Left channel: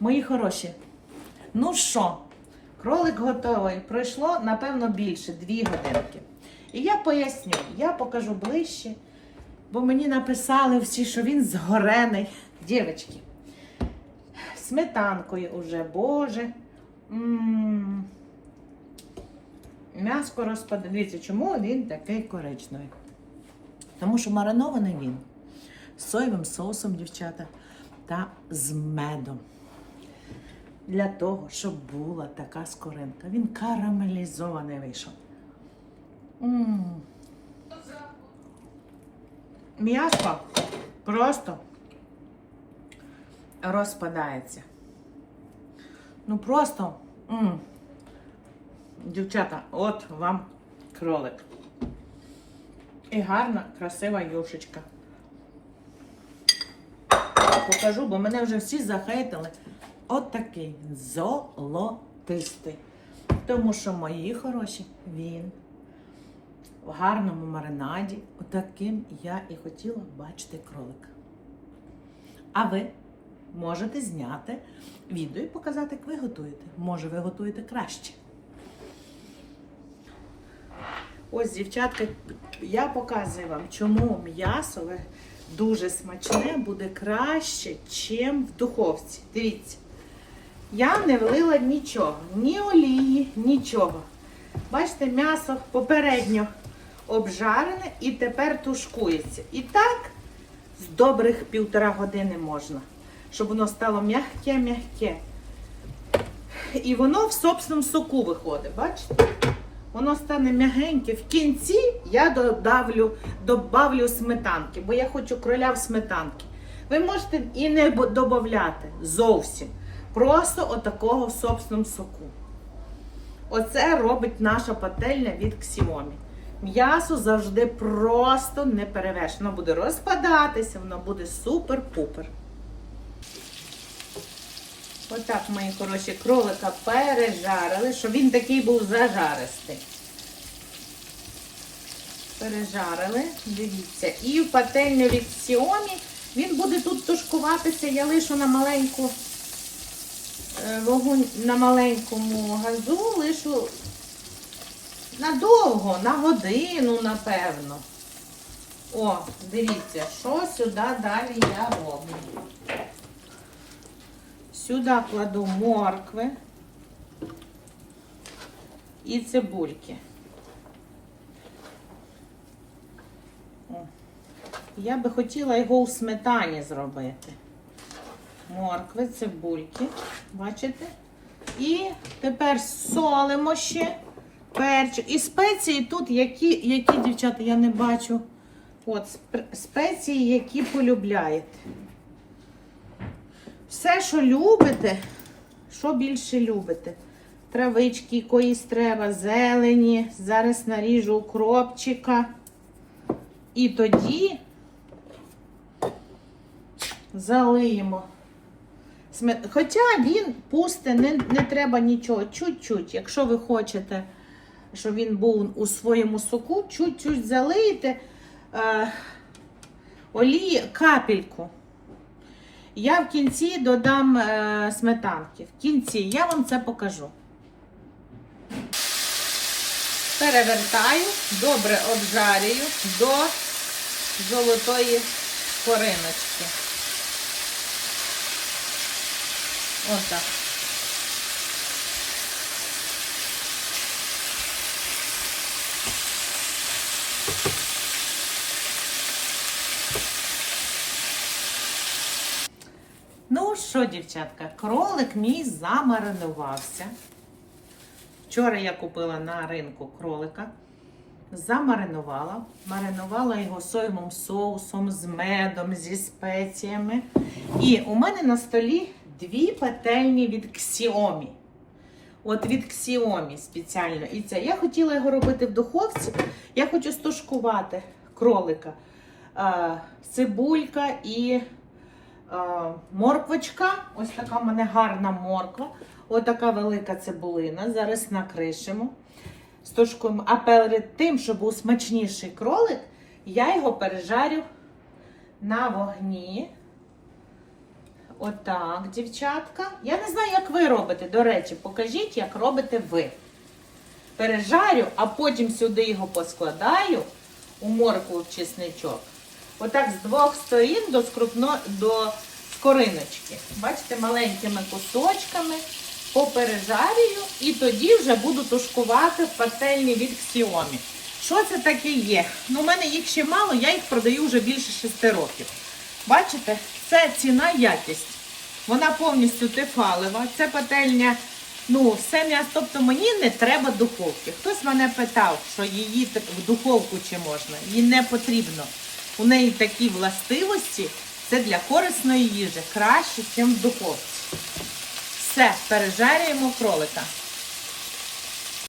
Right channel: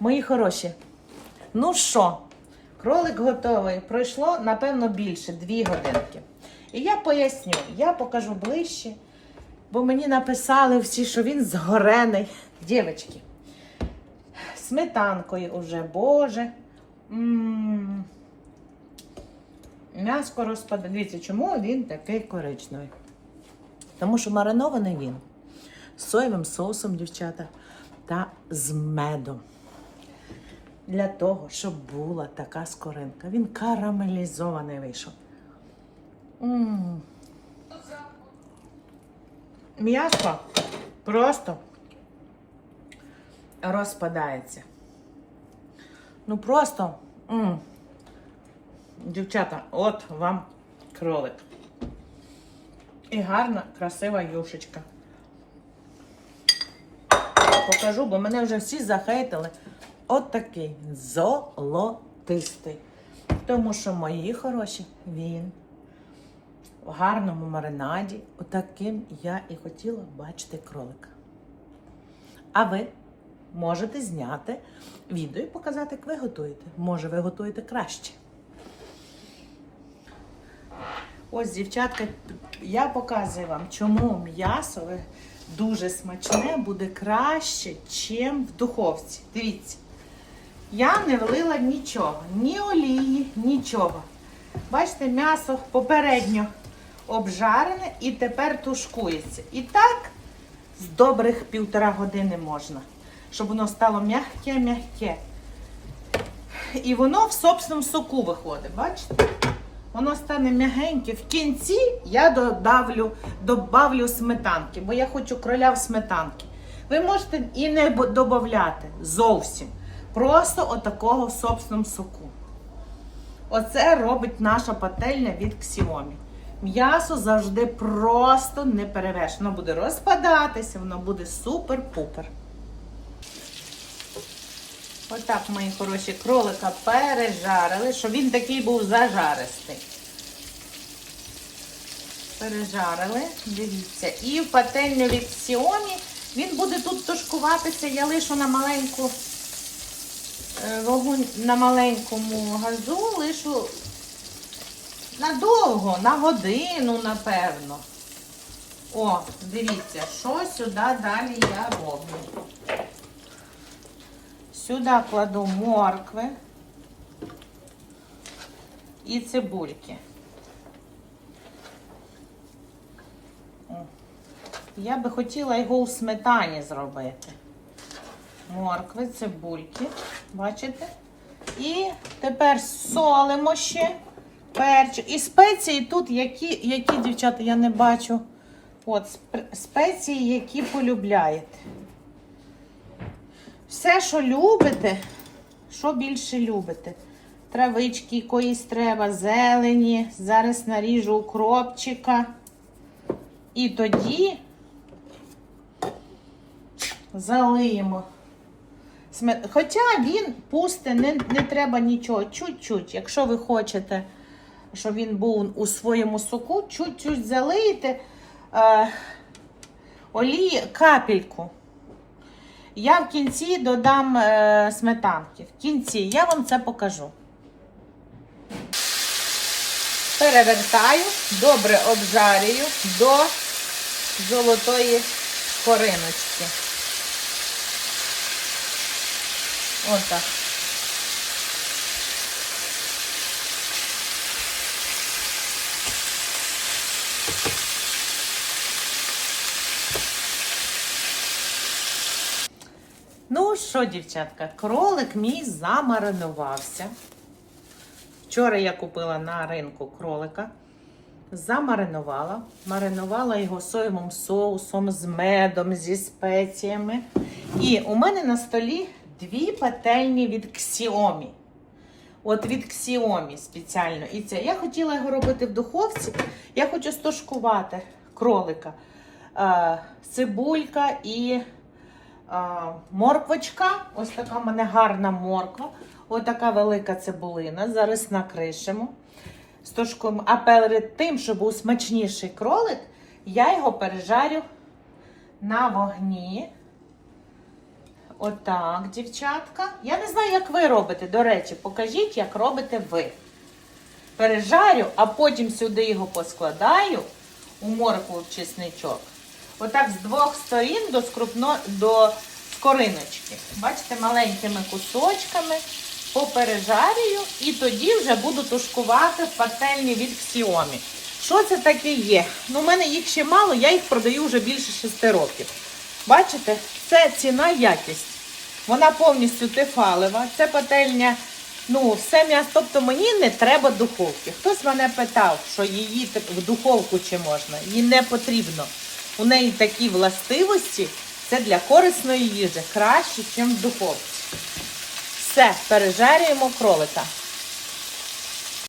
Мої хороші. Ну що, кролик готовий. Пройшло, напевно, більше, дві годинки. І я поясню, я покажу ближче, бо мені написали всі, що він згорений. Дівчатки, сметанкою уже, боже. М'яско. Дивіться, чому він такий коричневий? Тому що маринований він з соєвим соусом, дівчата, та з медом. Для того, щоб була така скоринка. Він карамелізований вийшов. М. М'ясо просто розпадається. Ну просто. м. Дівчата, от вам кролик. І гарна, красива юшечка. Покажу, бо мене вже всі захейтили. От золотистий. Тому що мої хороші, він в гарному маринаді. Отаким я і хотіла бачити кролика. А ви можете зняти відео і показати, як ви готуєте. Може, ви готуєте краще. Ось, дівчатки, я показую вам, чому м'ясове дуже смачне буде краще, чим в духовці. Дивіться, я не влила нічого, ні олії, нічого. Бачите, м'ясо попередньо обжарене і тепер тушкується. І так з добрих півтора години можна, щоб воно стало м'яке-м'яке. І воно в собственному соку виходить, бачите? Воно стане м'ягеньке. В кінці я додавлю, добавлю сметанки, бо я хочу кроля в сметанки. Ви можете і не додавати зовсім. Просто отакого в собственному соку. Оце робить наша пательня від Xiaomi. М'ясо завжди просто не перевершено. Воно буде розпадатися, воно буде супер-пупер. Отак, мої хороші, кролика пережарили, щоб він такий був зажаристий. Пережарили, дивіться. І в пательню від Xiaomi він буде тут тушкуватися. Я лишу на маленьку вогонь на маленькому газу, лишу надовго, на годину, напевно. О, дивіться, що сюди далі я роблю. Сюди кладу моркви і цибульки. О. Я би хотіла його у сметані зробити. Моркви, цибульки, бачите? І тепер солимо ще перчик. І спеції тут, які, які дівчата, я не бачу. От спеції, які полюбляєте. Все, що любите, що більше любите. Травички якоїсь треба, зелені. Зараз наріжу укропчика. І тоді залиємо. Хоча він пусте, не, не треба нічого, чуть-чуть. Якщо ви хочете, щоб він був у своєму соку, чуть-чуть залиєте е, олії капельку. Я в кінці додам е, сметанки. В кінці я вам це покажу. Перевертаю, добре обжарюю до золотої кориночки. Отак. Ну що, дівчатка, кролик мій замаринувався. Вчора я купила на ринку кролика, замаринувала, маринувала його соєвим соусом, з медом, зі спеціями. І у мене на столі дві пательні від Xiaomi. От від Xiaomi спеціально. І це. Я хотіла його робити в духовці. Я хочу стошкувати кролика. Е, цибулька і е, морквочка. Ось така в мене гарна морква. Ось така велика цибулина. Зараз накришимо. Стошкуємо. А перед тим, щоб був смачніший кролик, я його пережарю на вогні. Отак, дівчатка. Я не знаю, як ви робите. До речі, покажіть, як робите ви. Пережарю, а потім сюди його поскладаю у моркву в чесничок. Отак з двох сторін до, скрупно, до скориночки. Бачите, маленькими кусочками попережарюю і тоді вже буду тушкувати пательні від Xiaomi. Що це таке є? Ну, у мене їх ще мало, я їх продаю вже більше 6 років. Бачите, це ціна якість. Вона повністю тефалева. Це пательня, ну, все м'ясо. Тобто мені не треба духовки. Хтось мене питав, що її в духовку чи можна. Їй не потрібно. У неї такі властивості. Це для корисної їжі краще, ніж в духовці. Все, пережарюємо кролика.